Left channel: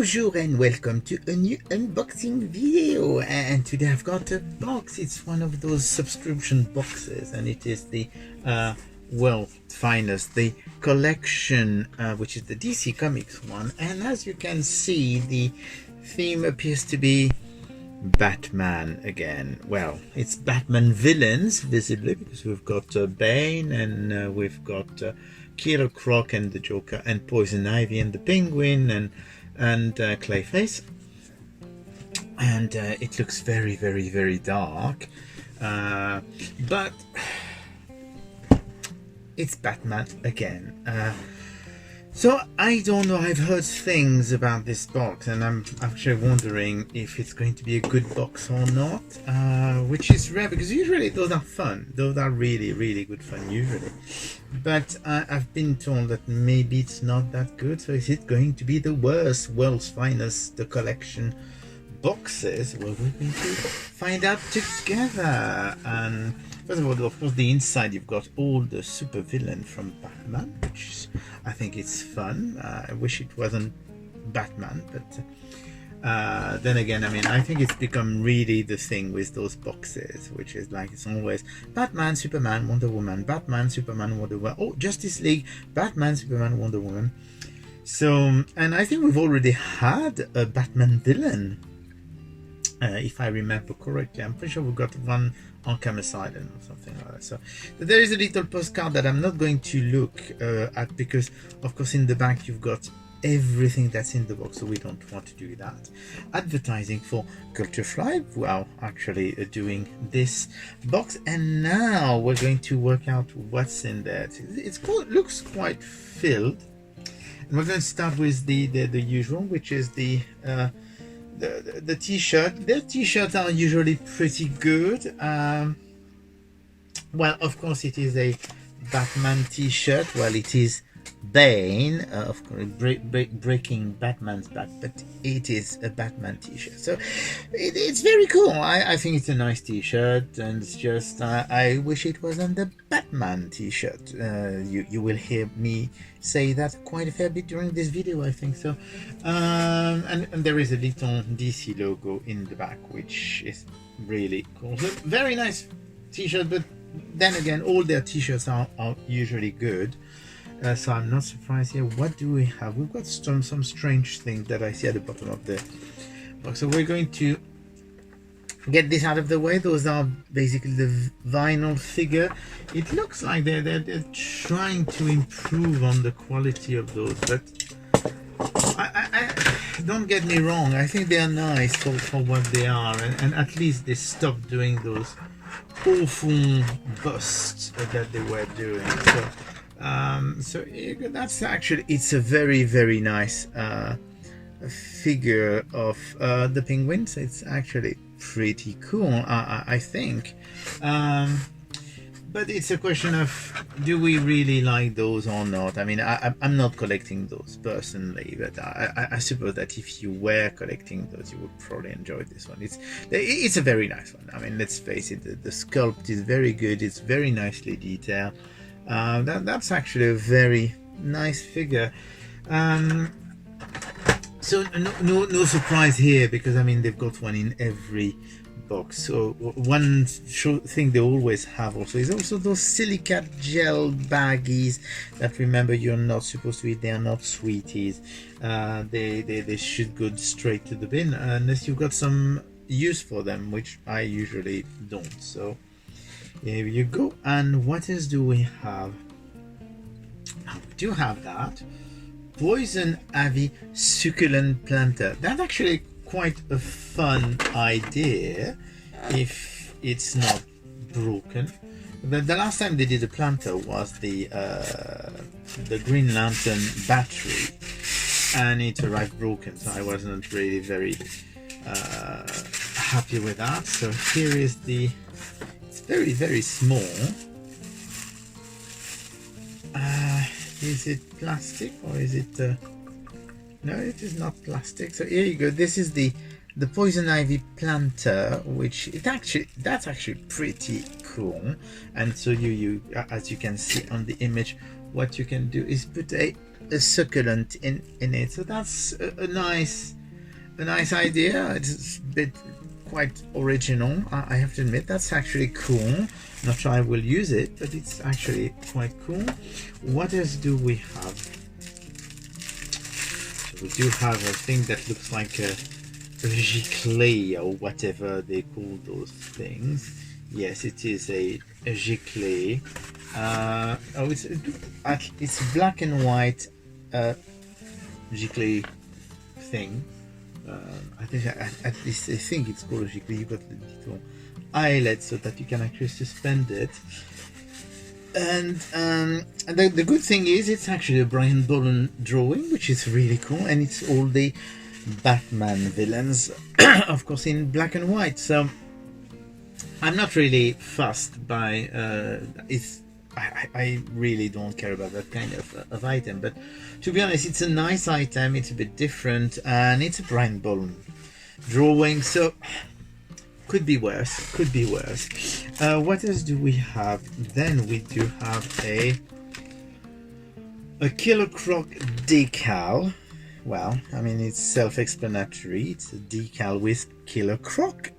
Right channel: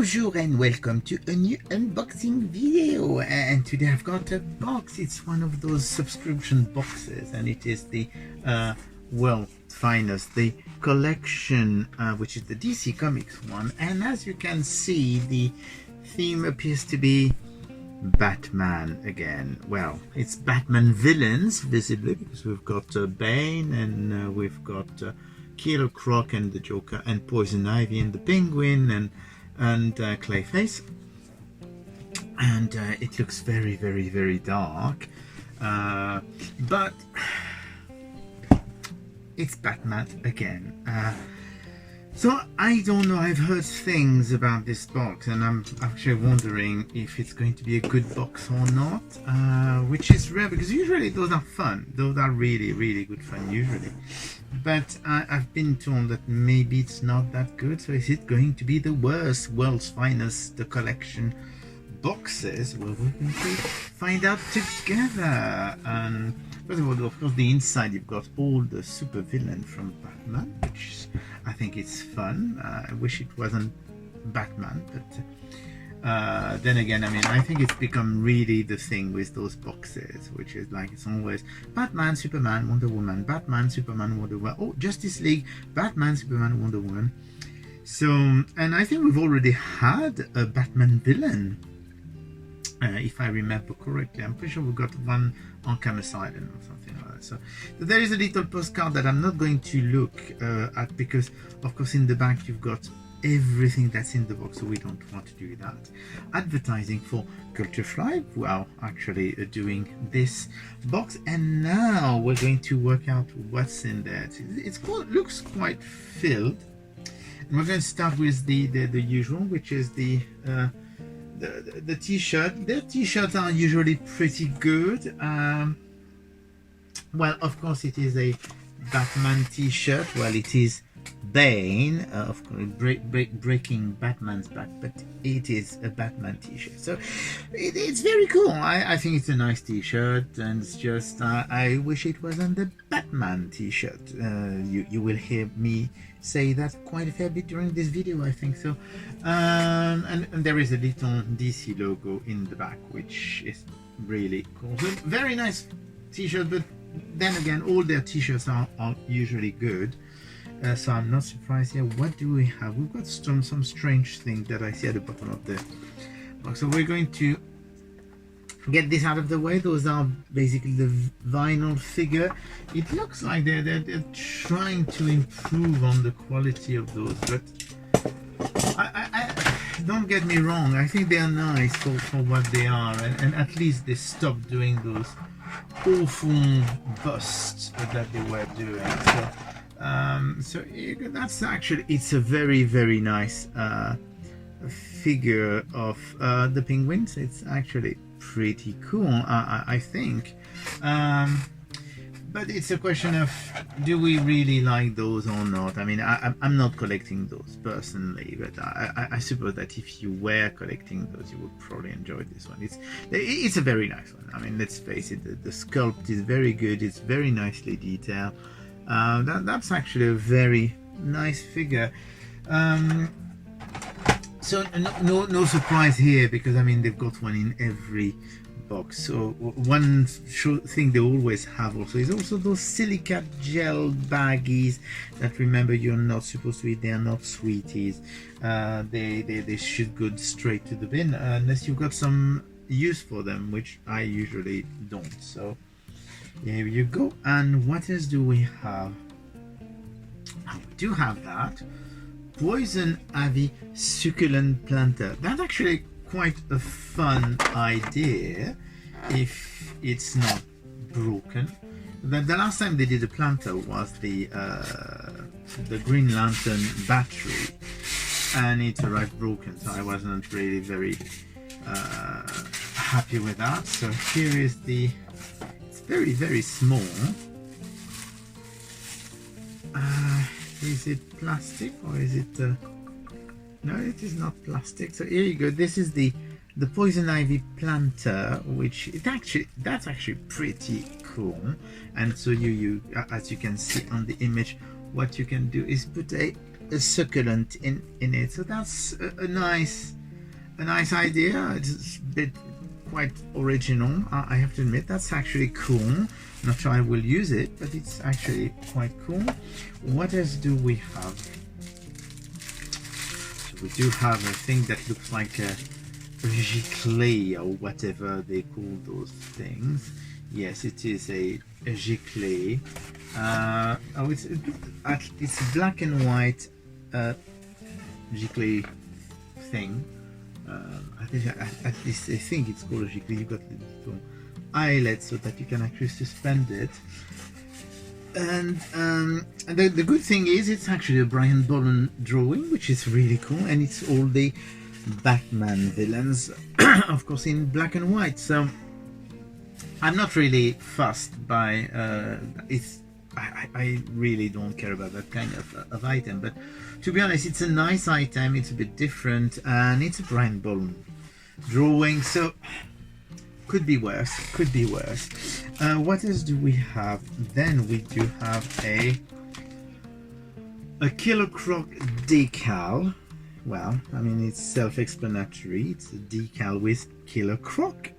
Bonjour and welcome to a new unboxing video, and today I've got a box. It's one of those subscription boxes, and it is the world's finest, the collection, which is the DC Comics one. And as you can see, the theme appears to be Batman again. Well, it's Batman villains visibly, because we've got Bane, and we've got Killer Croc and the Joker, and Poison Ivy and the Penguin, and Clayface, and it looks very, very, very dark, but it's Batman again. So I don't know, I've heard things about this box, and I'm actually wondering if it's going to be a good box or not, which is rare, because usually those are fun. Those are really, really good fun usually. But I've been told that maybe it's not that good. So is it going to be the worst, world's finest, the collection boxes? Well, we're going to find out together. And first of all, of course, the inside, you've got all the super villain from Batman, which is, I think it's fun. I wish it wasn't Batman, but then again, I mean, I think it's become really the thing with those boxes, which is like, it's always Batman, Superman, Wonder Woman, Batman, Superman, Wonder Woman, oh, Justice League, Batman, Superman, Wonder Woman. So, and I think we've already had a Batman villain, if I remember correctly. I'm pretty sure we've got one Arkham Asylum or something like that. So there is a little postcard that I'm not going to look at, because of course in the back you've got everything that's in the box, so we don't want to do that. Advertising for Culture Fly, who are actually doing this box, and now we're going to work out what's in there. It's cool, it looks quite filled, and we're going to start with the usual, which is the t-shirt. The t-shirts are usually pretty good. Well, of course it is a Batman t-shirt. Well, it is Bane, of course, breaking Batman's back, but it is a Batman t-shirt, so it's very cool. I think it's a nice t-shirt, and it's just I wish it wasn't the Batman t-shirt. You will hear me say that quite a fair bit during this video, I think so. And there is a little DC logo in the back, which is really cool. So, very nice t-shirt, but then again, all their t-shirts are usually good. So I'm not surprised here. What do we have? We've got some strange thing that I see at the bottom of the box. So we're going to get this out of the way. Those are basically the vinyl figure. It looks like they're trying to improve on the quality of those, but I don't get me wrong, I think they're nice for what they are, and at least they stopped doing those awful busts that they were doing. So that's actually, it's a very, very nice figure of the Penguin. So it's actually pretty cool, I think. But it's a question of, do we really like those or not? I mean, I'm not collecting those personally, but I suppose that if you were collecting those, you would probably enjoy this one. It's a very nice one. I mean, let's face it, the sculpt is very good. It's very nicely detailed. That's actually a very nice figure. So no surprise here, because I mean, they've got one in every box. So one thing they always have also is also those silicate gel baggies that, remember, you're not supposed to eat. They're not sweeties. They should go straight to the bin unless you've got some use for them, which I usually don't. So here you go. And what else do we have? We do have that Poison Ivy Succulent Planter. That's actually quite a fun idea if it's not broken. But the last time they did a planter was the Green Lantern battery, and it arrived broken, so I wasn't really very happy with that. So here is it's very, very small. Is it plastic or is it no, it is not plastic. So here you go. This is the Poison Ivy planter, which that's actually pretty cool. And so you as you can see on the image, what you can do is put a a succulent in it. So that's a nice idea. It's a bit quite original. I have to admit, that's actually cool. Not sure I will use it, but it's actually quite cool. What else do we have? So we do have a thing that looks like a giclée or whatever they call those things. Yes, it is a giclée. It's black and white giclée thing. At least I think it's called a giclée. You got the little eyelet so that you can actually suspend it. And the good thing is it's actually a Brian Boland drawing, which is really cool, and it's all the Batman villains, of course, in black and white. So I'm not really fussed by I really don't care about that kind of item, but to be honest, it's a nice item. It's a bit different, and it's a Brian Boland drawing, so could be worse. What else do we have? Then we do have a Killer Croc decal. Well, I mean, it's self-explanatory. It's a decal with Killer Croc.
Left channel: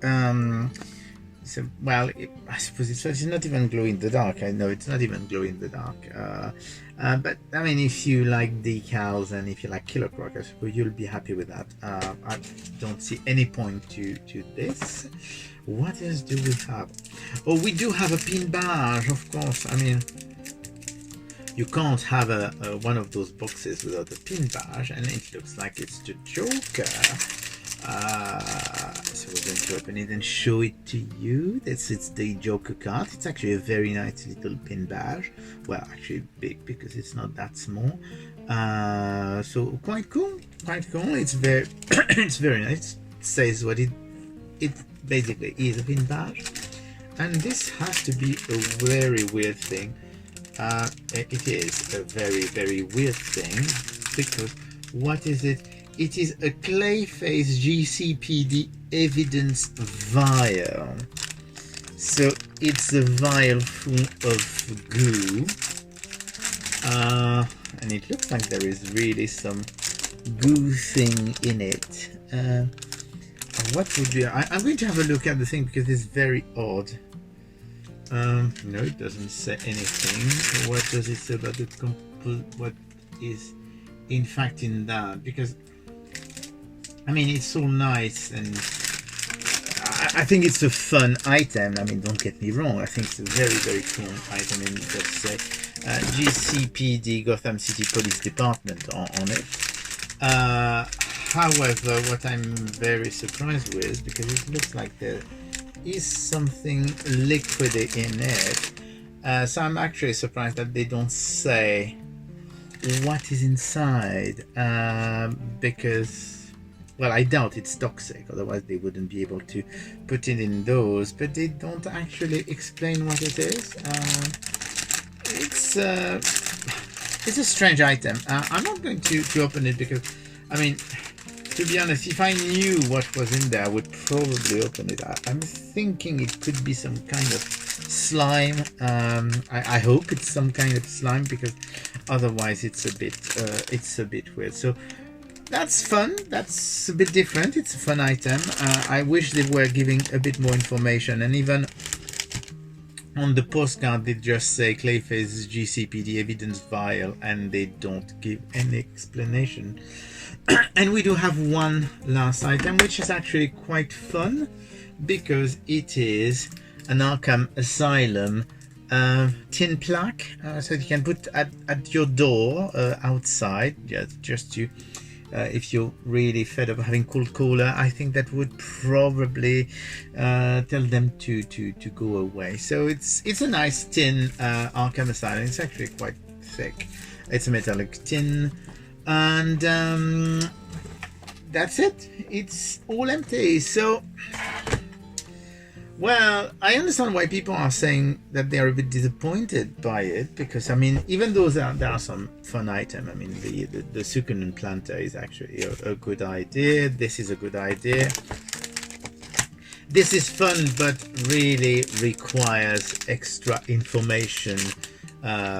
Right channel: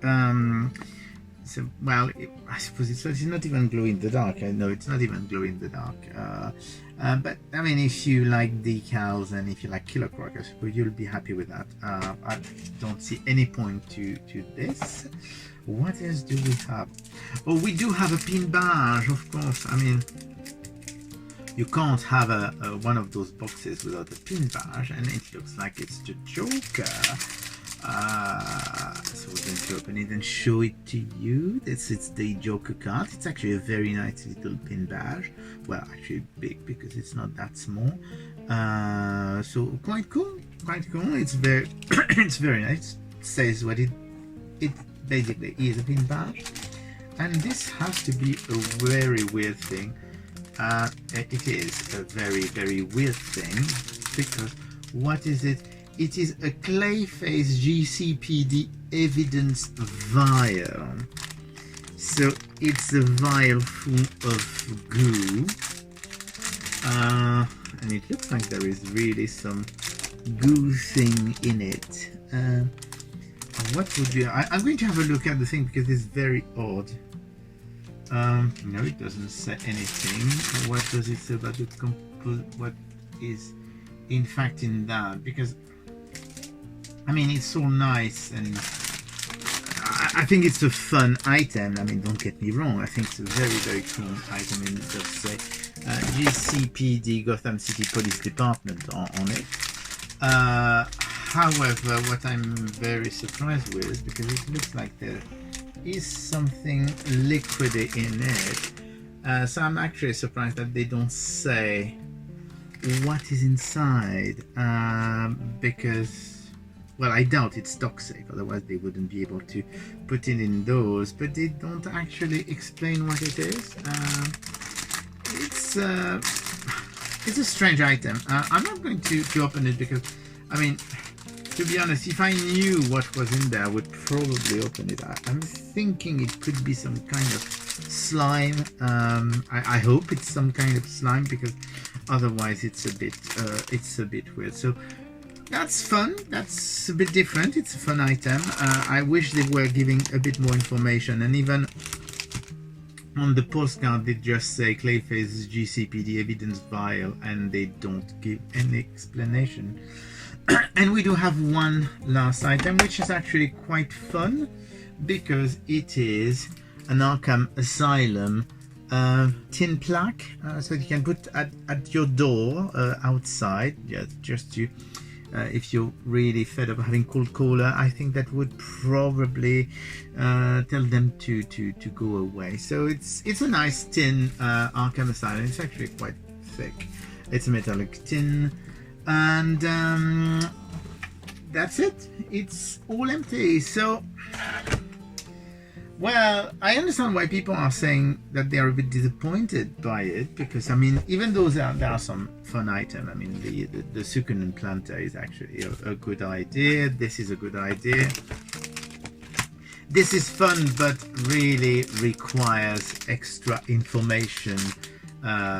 So, well, I suppose it's not even glow in the dark. I know it's not even glow in the dark. But I mean, if you like decals and if you like Killer Croc, I suppose you'll be happy with that. I don't see any point to this. What else do we have? Oh, we do have a pin badge, of course. I mean, you can't have one of those boxes without a pin badge, and it looks like it's the Joker. So we're going to open it and show it to you. It's the Joker card. It's actually a very nice little pin badge. Well, actually big because it's not that small. So quite cool. It's very it's very nice. It says what it basically is, a pin badge. And this has to be a very weird thing. It is a very, very weird thing, because what is it? It is a Clayface GCPD evidence vial. So it's a vial full of goo. And it looks like there is really some goo thing in it. What would be... I'm going to have a look at the thing because it's very odd. No, it doesn't say anything. What does it say about the what is in fact in that? Because I mean, it's so nice, and I think it's a fun item. I mean, don't get me wrong, I think it's a very, very cool item, and it does say GCPD, Gotham City Police Department on it. However, what I'm very surprised with, because it looks like there is something liquid in it, so I'm actually surprised that they don't say what is inside, because, well, I doubt it's toxic, otherwise they wouldn't be able to put it in those, but they don't actually explain what it is. It's a strange item. I'm not going to open it because, I mean, to be honest, if I knew what was in there, I would probably open it. I'm thinking it could be some kind of slime. I hope it's some kind of slime, because otherwise it's a bit weird. So that's fun. That's a bit different. It's a fun item. I wish they were giving a bit more information, and even on the postcard they just say Clayface GCPD evidence vial, and they don't give any explanation. And we do have one last item, which is actually quite fun, because it is an Arkham Asylum tin plaque, so you can put at your door outside, just to if you're really fed up having cold cola. I think that would probably tell them to go away. So it's a nice tin Arkham Asylum. It's actually quite thick. It's a metallic tin. And that's it. It's all empty. So, well, I understand why people are saying that they are a bit disappointed by it, because I mean, even though there are some fun items, I mean, the succulent planter is actually a good idea. This is a good idea. This is fun, but really requires extra information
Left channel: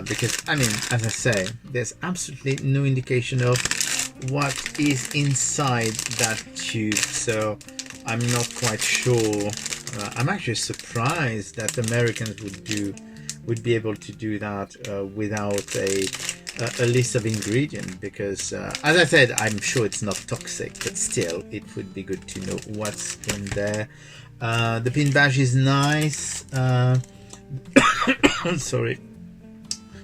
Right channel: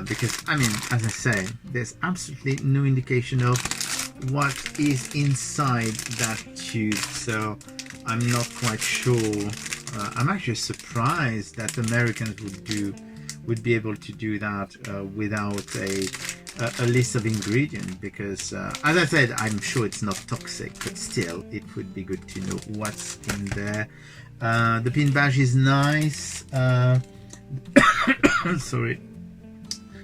because I mean, as I say, there's absolutely no indication of what is inside that tube, so I'm not quite sure. I'm actually surprised that Americans would be able to do that without a list of ingredients, because as I said, I'm sure it's not toxic, but still it would be good to know what's in there. The pin badge is nice. Sorry.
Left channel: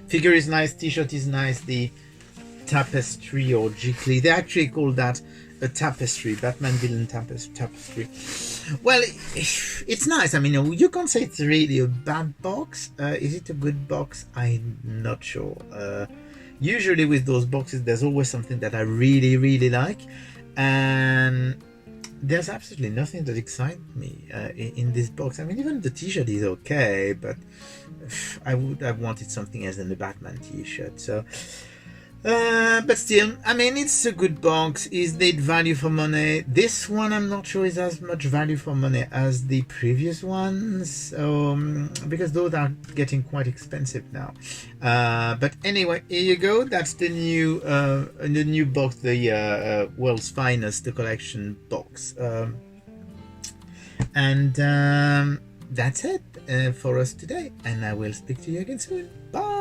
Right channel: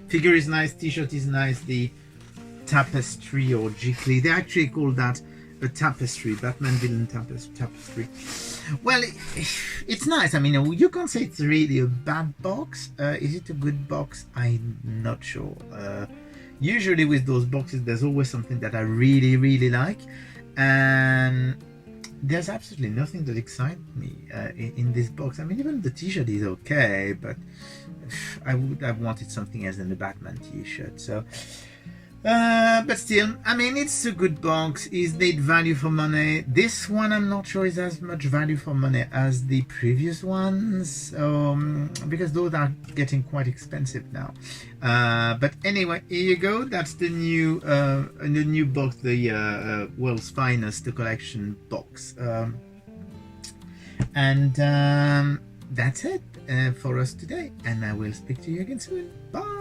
Figure is nice, t-shirt is nice, the tapestry or jiggly, they actually call that a tapestry, Batman villain tapestry. Well, it's nice. I mean, you can't say it's really a bad box. Is it a good box? I'm not sure. Usually with those boxes, there's always something that I really like, and there's absolutely nothing that excites me in this box. I mean, even the t-shirt is okay, but I would have wanted something else than the Batman t-shirt. So but still, I mean, it's a good box. Is it value for money? This one I'm not sure is as much value for money as the previous ones, because those are getting quite expensive now. But anyway, here you go. That's the new box, the World's Finest, the collection box. And that's it for us today, and I will speak to you again soon. Bye.